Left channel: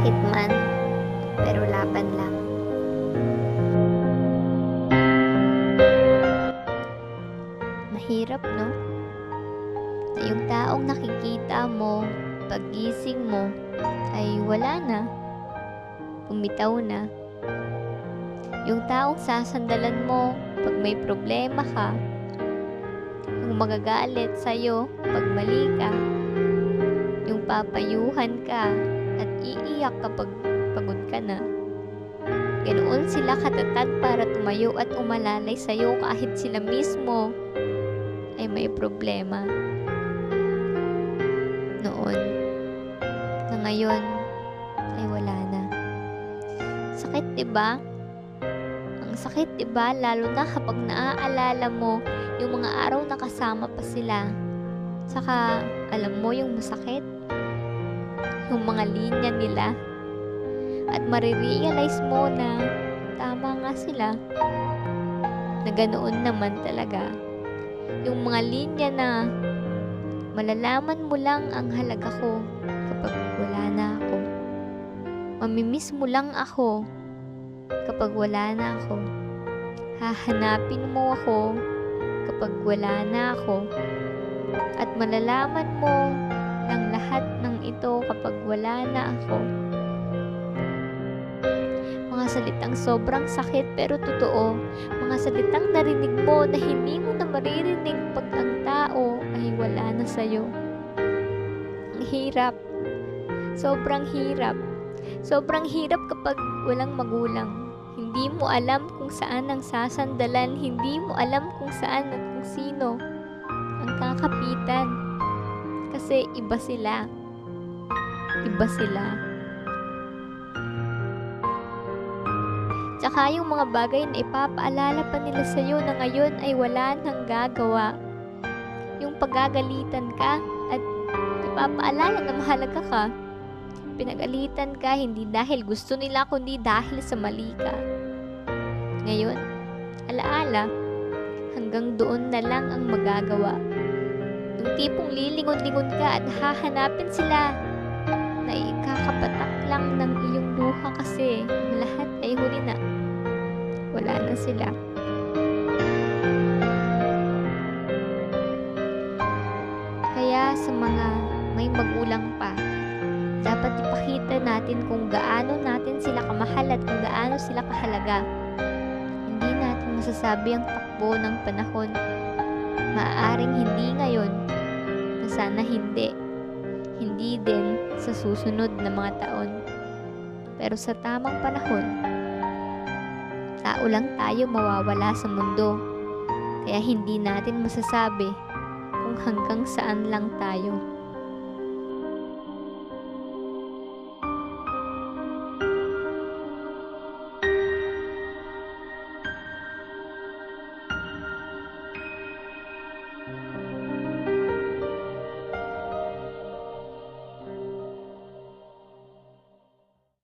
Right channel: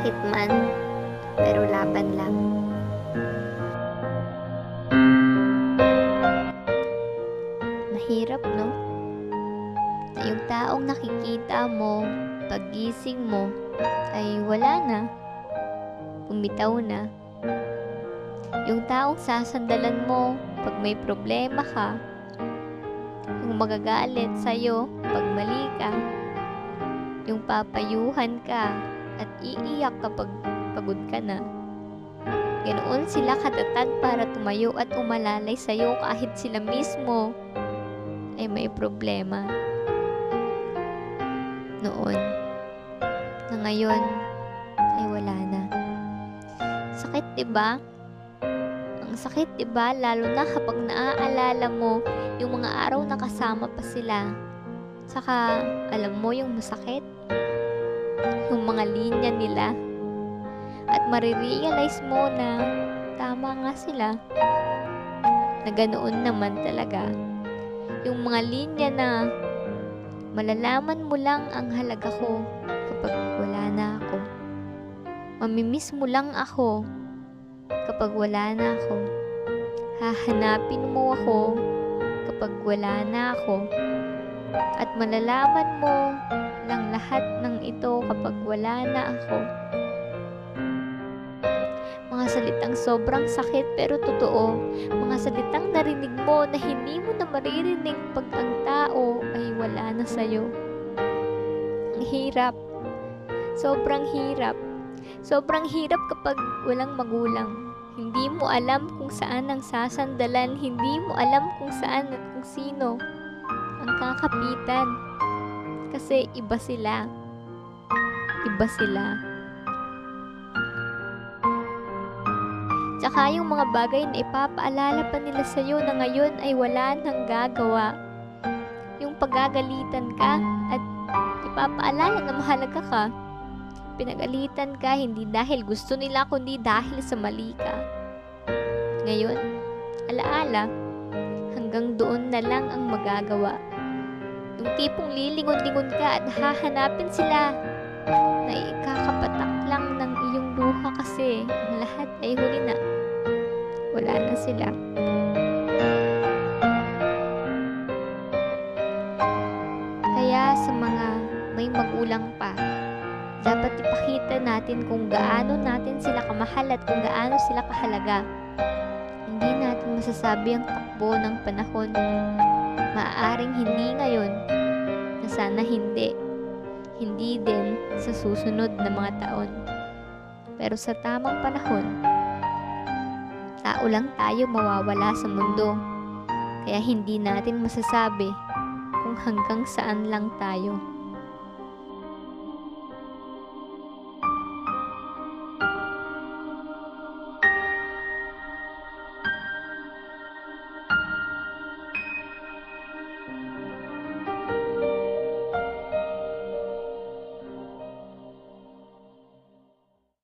Masakit man, pero laban lang. Mahirap, no? Na yung taong nakikita mo, paggising mo, ay wala na. Bumitaw na. Yung taong sasandalan mo pag may problema ka. Yung magagalit sa'yo pag mali ka. Yung papayuhan ka at iiyak kapag pagod ka na. Ganoon sila katatag para tumayo at umalalay sa'yo kahit sila mismo ay may problema. Noon. Na ngayon ay wala na. Sakit, 'di ba? Ang sakit, 'di ba? Lalo na kapag naaalala mo yung mga araw na kasama pa sila. Saka alam mo yung masakit, yung mga linya nila. At marirealize mo na tama nga sila. Na ganoon naman talaga. Yung mga linya na malalaman mo lang ang halaga ko kapag wala na ako. Mamimiss mo lang ako kapag wala na ako. Hahanapin mo ako kapag wala na ako. At malalaman mo lang lahat ng ito kapag wala na ako. Mga salitang sobrang sakit pero totoo. Mga salitang narinig mo na hindi mo na maririnig pag ang tao ay wala na sa'yo. Ang hirap. Sobrang hirap. Sobrang hirap kapag walang magulang. Hindi mo alam kung saan ang sasandalan. Hindi mo alam kung saan at kung sino ang kakapitan. Kasi iba sila. Iba sila. Tsaka yung mga bagay na ipapaalala pa nila sa'yo na ngayon ay wala nang gagawa. Yung paggagalitan ka at ipapaalala na mahalaga ka. Pinagalitan ka hindi dahil gusto nila kundi dahil sa mali ka. Ngayon, alaala, hanggang doon na lang ang magagawa. Yung tipong lilingon-lingon ka at hahanapin sila na ikakapatak lang ng iyong luha kasi ang lahat ay huli na. Wala na sila. Kaya sa mga may magulang pa, dapat ipakita natin kung gaano natin sila kamahal at kung gaano sila kahalaga. Hindi natin masasabi ang takbo ng panahon. Maaaring hindi ngayon, na sana hindi. Hindi din sa susunod na mga taon. Pero sa tamang panahon, tao lang tayo mawawala sa mundo. Kaya hindi natin masasabi kung hanggang saan lang tayo.